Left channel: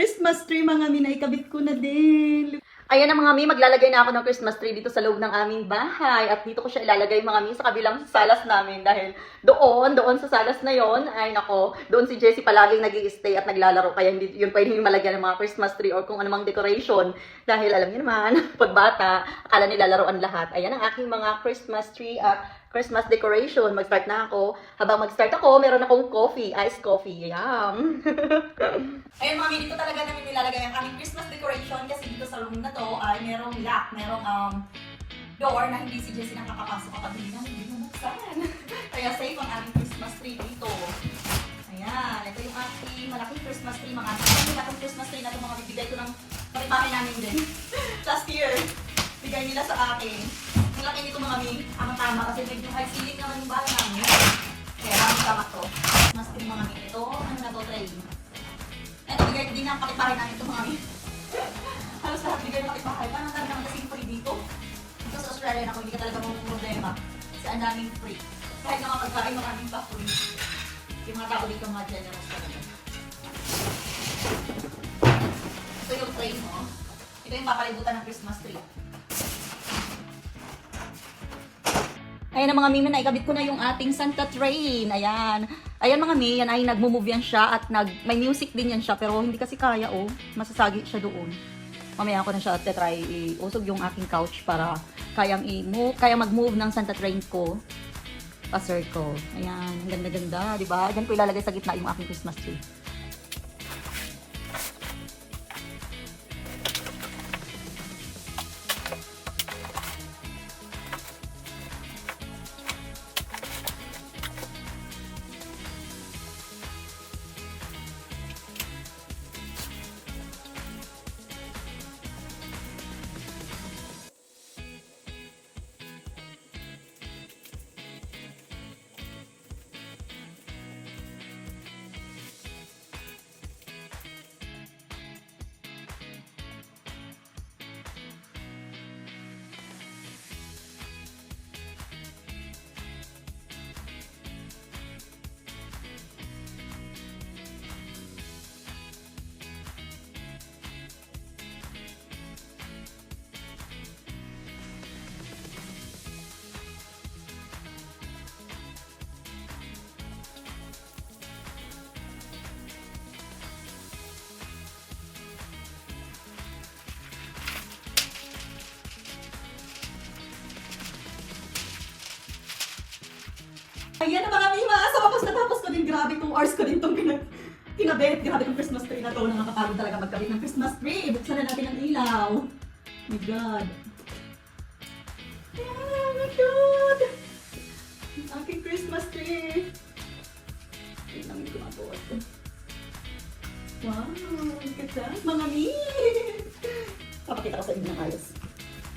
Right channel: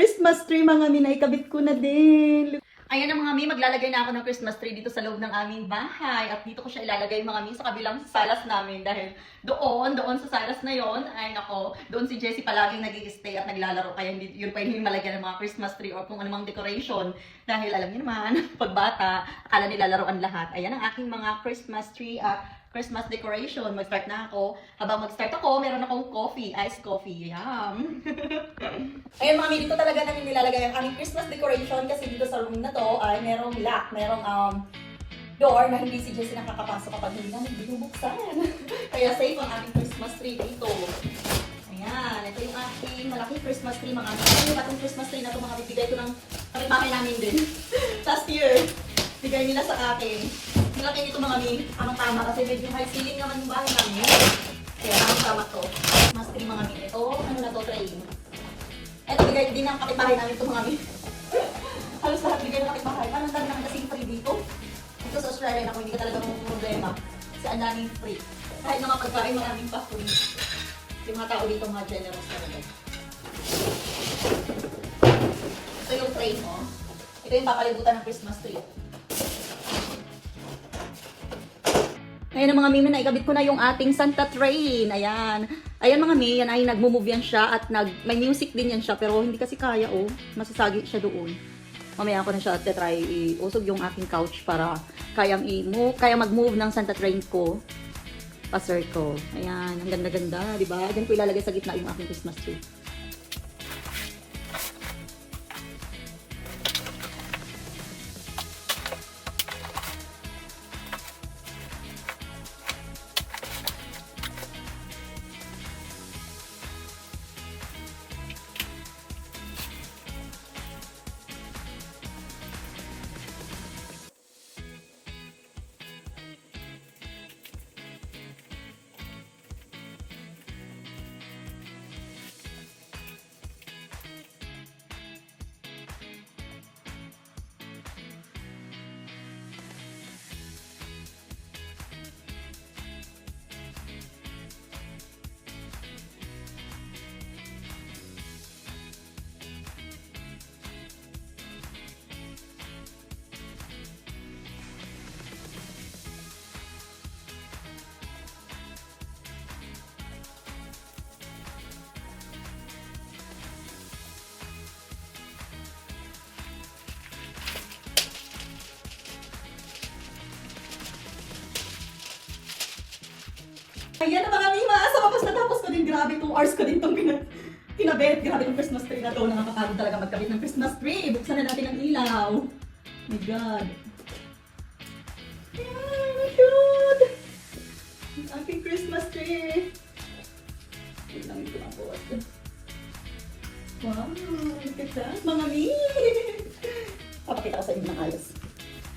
Christmas tree mga mi, naikabit ko na din. Ayan na mga mi, maglalagay na ako ng Christmas tree dito sa loob ng aming bahay. At dito ko siya ilalagay mga mi sa kabilang salas namin. Dahil doon sa salas na yon ay nako, doon si Jessie palaging nag-i-stay at naglalaro. Kaya hindi yun pwedeng malagyan ng mga Christmas tree or kung anumang decoration. Dahil alam niyo naman, pag bata, akala nila laruan lahat. Ayan ang aking mga Christmas tree, Christmas decoration. Mag-start na ako. Habang mag-start ako, meron akong coffee, iced coffee. Yum! Ayun mga mi, dito talaga namin nilalagay ang aming Christmas decoration kasi dito sa room na to ay merong lock, merong door na hindi si Jessie nakakapasok kapag hindi namin binubuksan. Kaya safe ang aming Christmas tree dito. Ayan, ito yung ating malaking Christmas tree mga mi. Ito yung Christmas tree na ito mga bibigay ko ng kapitbahay namin din. Last year, bigay nila sa akin. Yung akin ito mga mi, ang tama kasi medyo high ceiling naman yung bahay namin. Kaya ang tama ko. Christmas tree mga mi. Ito, ano na to, tray. Eto, bigay din ang kapitbahay namin ito mga mi. Halos lahat bigay ng kapitbahay. Parang kami naman kasing free dito. Dito sa Australia na kung hindi ka talaga mong problema. Kasi ang daming free. Kahit mga pagkain maraming pa free. Yung mga tao dito mga generous talaga. Ito yung frame mo. Ito yung papalibutan ng Christmas tree. Ayan na mga mimi, naikabit ko na yung ating Santa Train. Ayan. Ayan mga mi, yan ay nagmo-move yan siya at may music din yan siya. Pero hindi kasi kaya masasagi siya doon. Mamaya ako na siya try iusog yung aking couch para kaya mag-move ng Santa Train ko pa circle. Ayan, ang ganda-ganda, di ba? Diyan ko ilalagay sa gitna yung aking Christmas tree. Ayan na mga mima, sa wakas natapos ko din, grabe 2 hours ko din itong kinabit. Grabe itong Christmas tree na ito, nakakapagod talaga magkabit ng Christmas tree. Buksan na natin ang ilaw. Oh my God. Oh my God. Ang aking Christmas tree. Tingnan ko ang buwas. Wow, look at that, mga mimi. Papakita ko sa inyo ng ayos.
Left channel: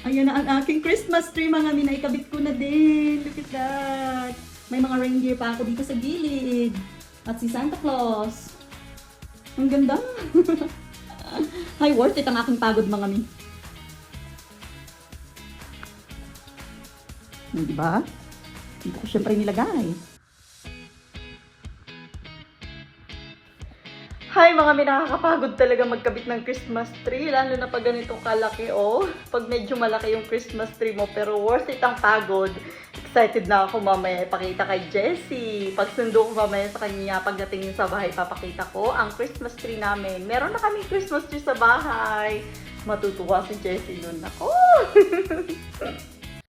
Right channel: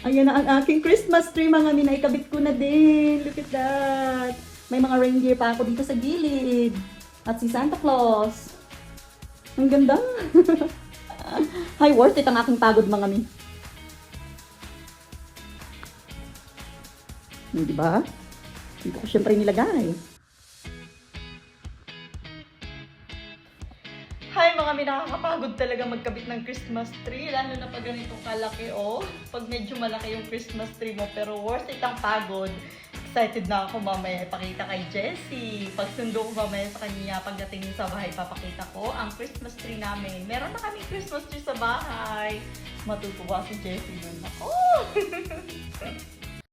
Ayan na ang aking Christmas tree, mga mimi, naikabit ko na din. Look at that. May mga reindeer pa ako dito sa gilid. At si Santa Claus. Ang ganda. Hi, worth it ang aking pagod mga mi. Hindi ba? Dito ko syempre nilagay. Hi mga mi, nakakapagod talaga magkabit ng Christmas tree. Lalo na pag ganito kalaki Pag medyo malaki yung Christmas tree mo. Pero worth it ang pagod. Excited na ako mamaya ipakita kay Jessie. Pagsundo ko mamaya sa kanya, pagdating niya sa bahay, papakita ko ang Christmas tree namin. Meron na kaming Christmas tree sa bahay. Matutuwa si Jessie nun. Ako!